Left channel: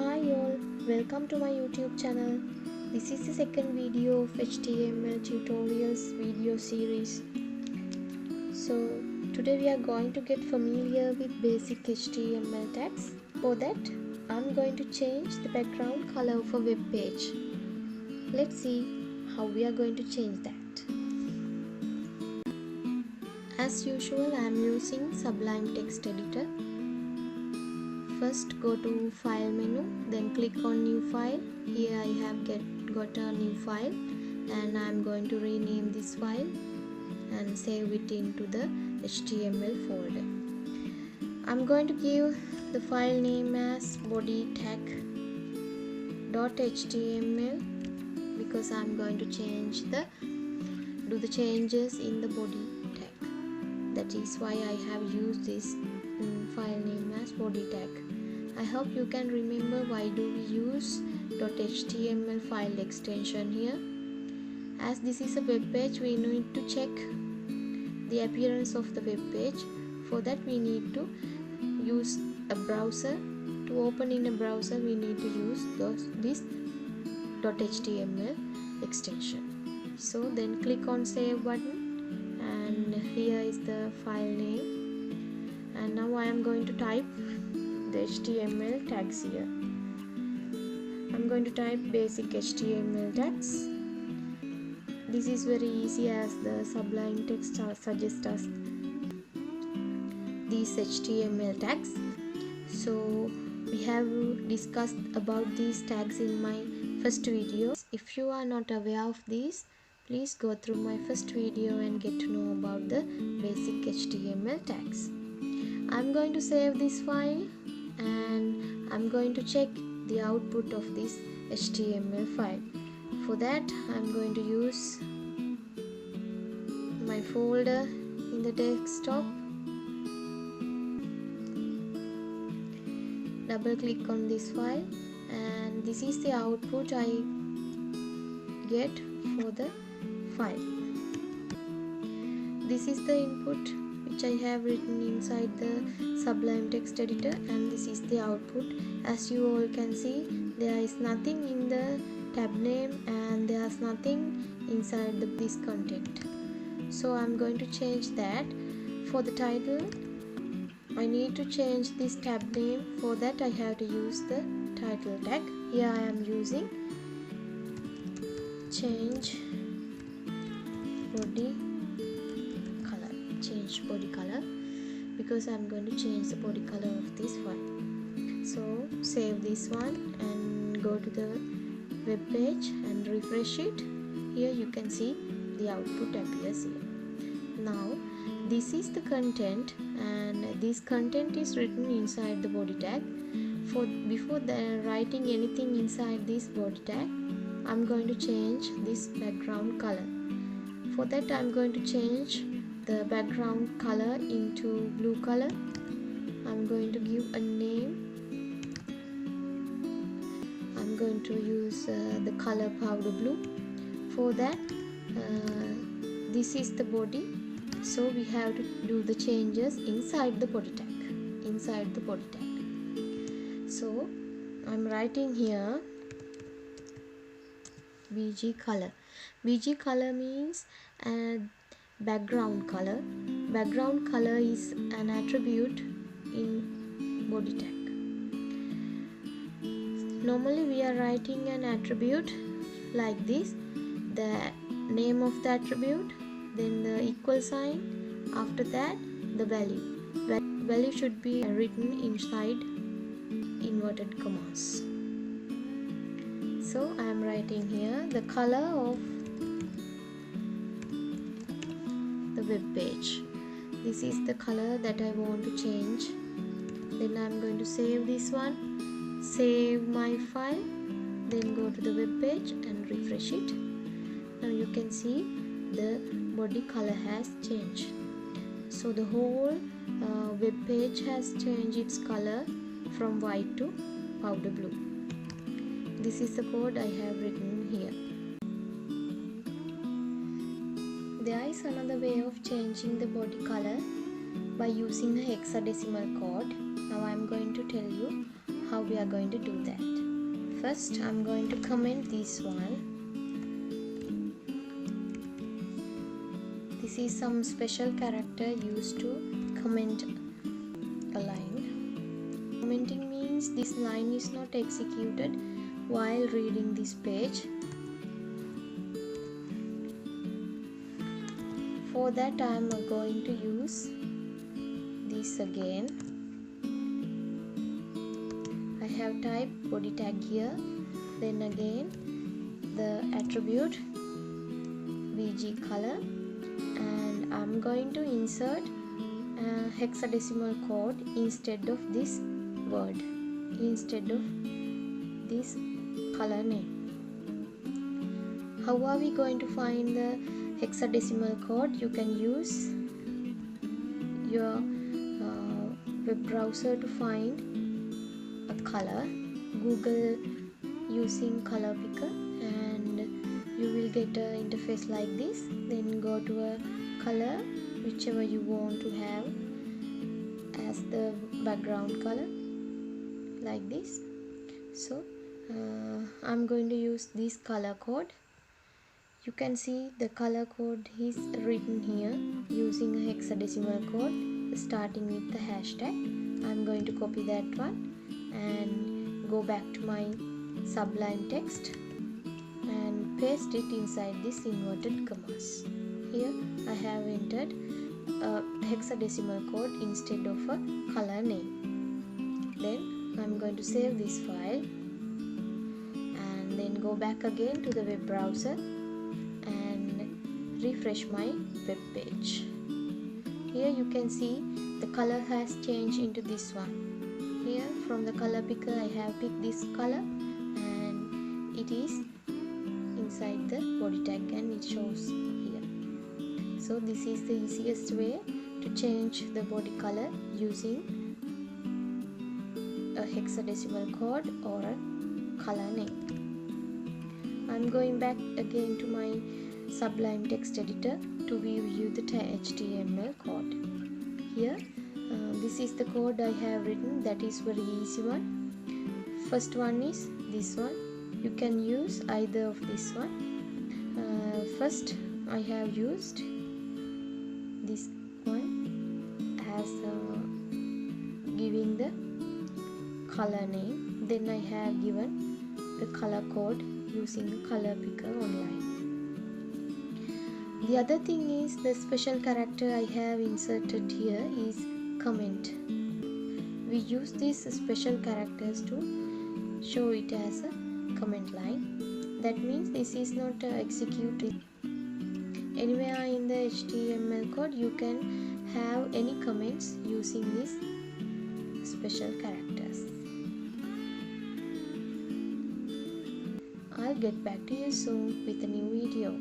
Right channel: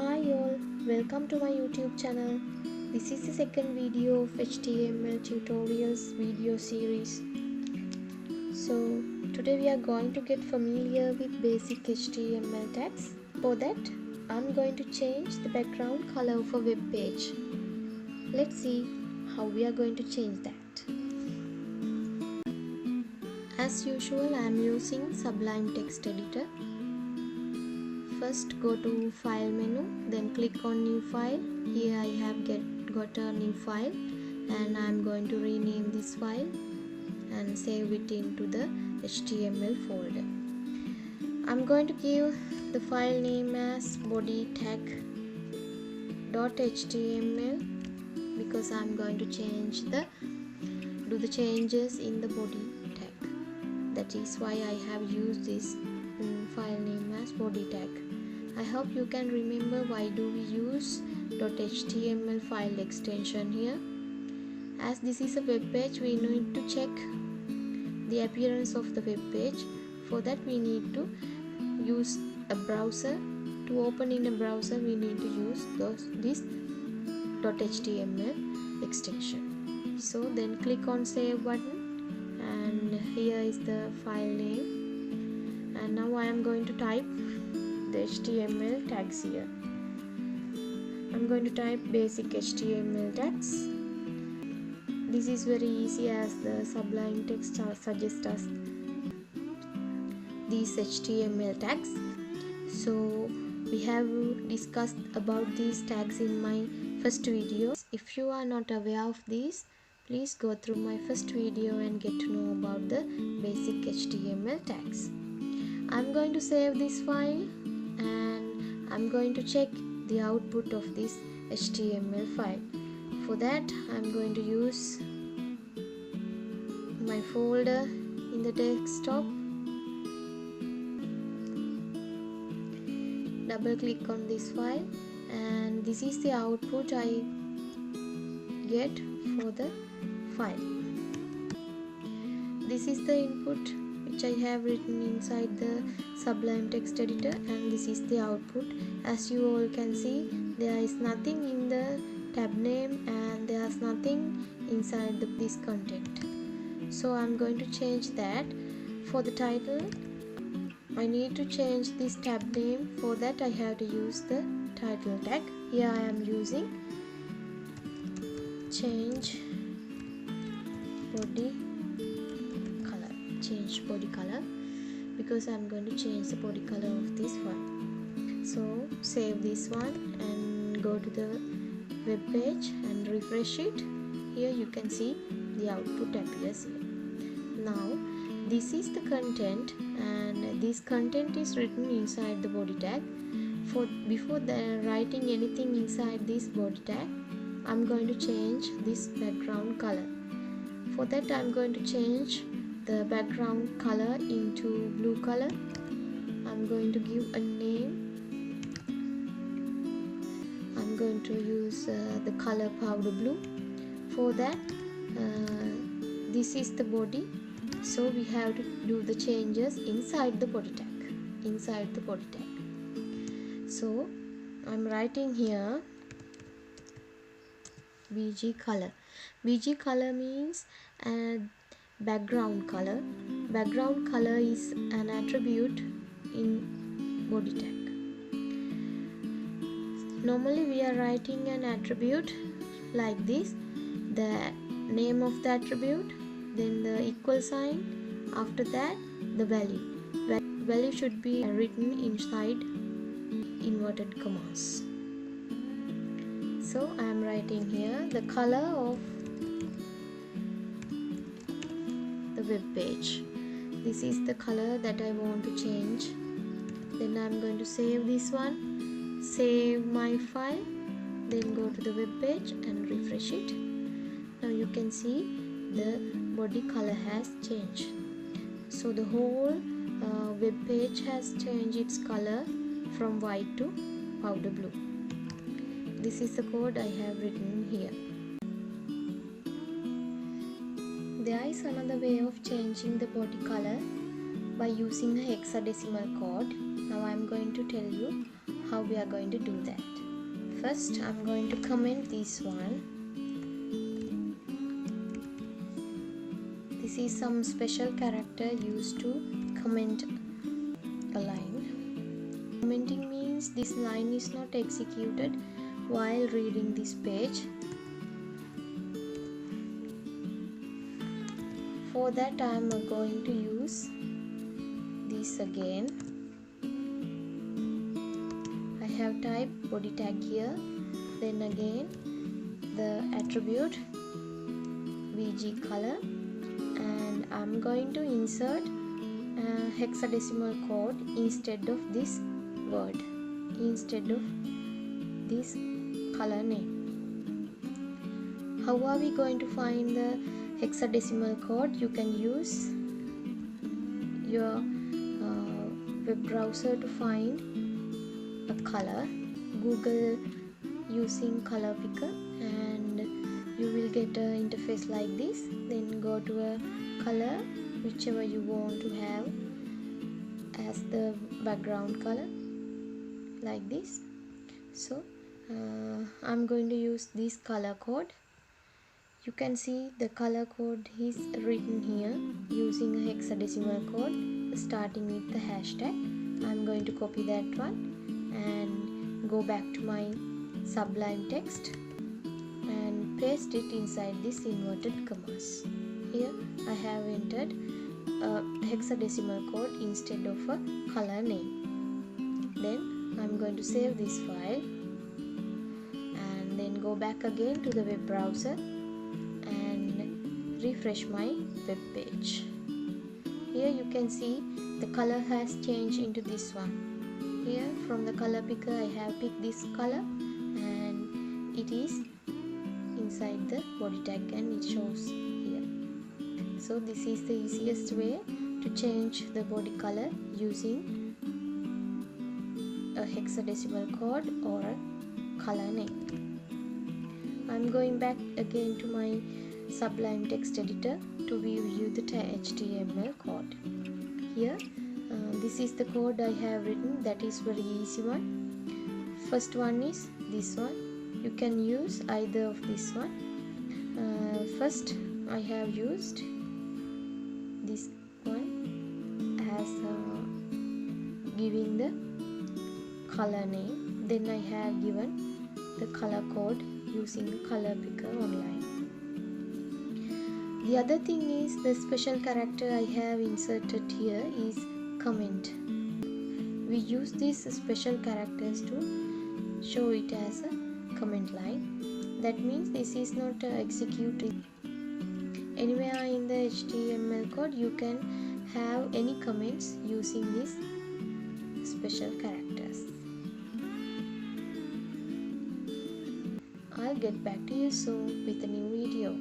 Hi all, welcome to my YouTube channel. This is the second video of HTML tutorials video series. So today we are going to get familiar with basic HTML tags. For that, I'm going to change the background color of a web page. Let's see how we are going to change that. As usual, I am using Sublime Text Editor. First go to File menu, then click on New File. Here I have got a new file and I am going to rename this file and save it into the HTML folder. I'm going to give the file name as body tag.html because I'm going to do the changes in the body tag. That is why I have used this file name as body tag. I hope you can remember why do we use .html file extension here. As this is a web page, we need to check the appearance of the web page. For that we need to use a browser. To open in a browser we need to use this .html extension. So then click on save button and here is the file name, and now I am going to type the HTML tags here. I'm going to type basic HTML tags. This is very easy as the Sublime Text suggests us these HTML tags. So we have discussed about these tags in my first video. If you are not aware of these, please go through my first video and get to know about the basic HTML tags. I'm going to save this file and I'm going to check the output of this HTML file. For that I'm going to use my folder in the desktop. Double click on this file and this is the output I get for the file. This is the input which I have written inside the Sublime Text Editor, and this is the output. As you all can see, there is nothing in the tab name and there is nothing inside this content. So I'm going to change that. For the title, I need to change this tab name. For that I have to use the title tag. Here I am using change body color because I'm going to change the body color of this file. So save this one and go to the web page and refresh it. Here you can see the output appears here. Now this is the content and this content is written inside the body tag. Before writing anything inside this body tag, I'm going to change this background color. For that I'm going to change the background color into blue color. I'm going to give a name. I'm going to use the color powder blue. For that this is the body, so we have to do the changes inside the body tag. So I'm writing here BG color. BG color means background color. Background color is an attribute in body tag. Normally we are writing an attribute like this: the name of the attribute, then the equal sign, after that the value. Value should be written inside inverted commas. So I am writing here the color of the web page. This is the color that I want to change. Then I'm going to save this one, save my file, then go to the web page and refresh it. Now you can see the body color has changed. So the whole web page has changed its color from white to powder blue. This is the code I have written here. There is another way of changing the body color by using a hexadecimal code. Now I am going to tell you how we are going to do that. First, I'm going to comment this one. This is some special character used to comment a line. Commenting means this line is not executed while reading this page. For that, I am going to use this again. I have typed body tag here, then again the attribute VG color, and I'm going to insert a hexadecimal code instead of this word, instead of this color name. How are we going to find the hexadecimal code? You can use your web browser to find a color. Google using color picker and you will get an interface like this. Then go to a color whichever you want to have as the background color, like this. So I'm going to use this color code. You can see the color code is written here using a hexadecimal code starting with the hashtag. I'm going to copy that one and go back to my Sublime text and paste it inside this inverted commas. Here I have entered a hexadecimal code instead of a color name. Then I'm going to save this file and then go back again to the web browser and refresh my web page. Here you can see the color has changed into this one. Here from the color picker I have picked this color and it is inside the body tag and it shows here. So this is the easiest way to change the body color using a hexadecimal code or a color name. I'm going back again to my Sublime text editor to view the HTML code. Here this is the code I have written. That is very easy one. First one is this one. You can use either of this one. First I have used this one as giving the color name. Then I have given the color code using a color picker online. The other thing is the special character I have inserted here is comment. We use these special characters to show it as a comment line. That means this is not executed anywhere in the HTML code. You can have any comments using these special characters. I'll get back to you soon with a new video.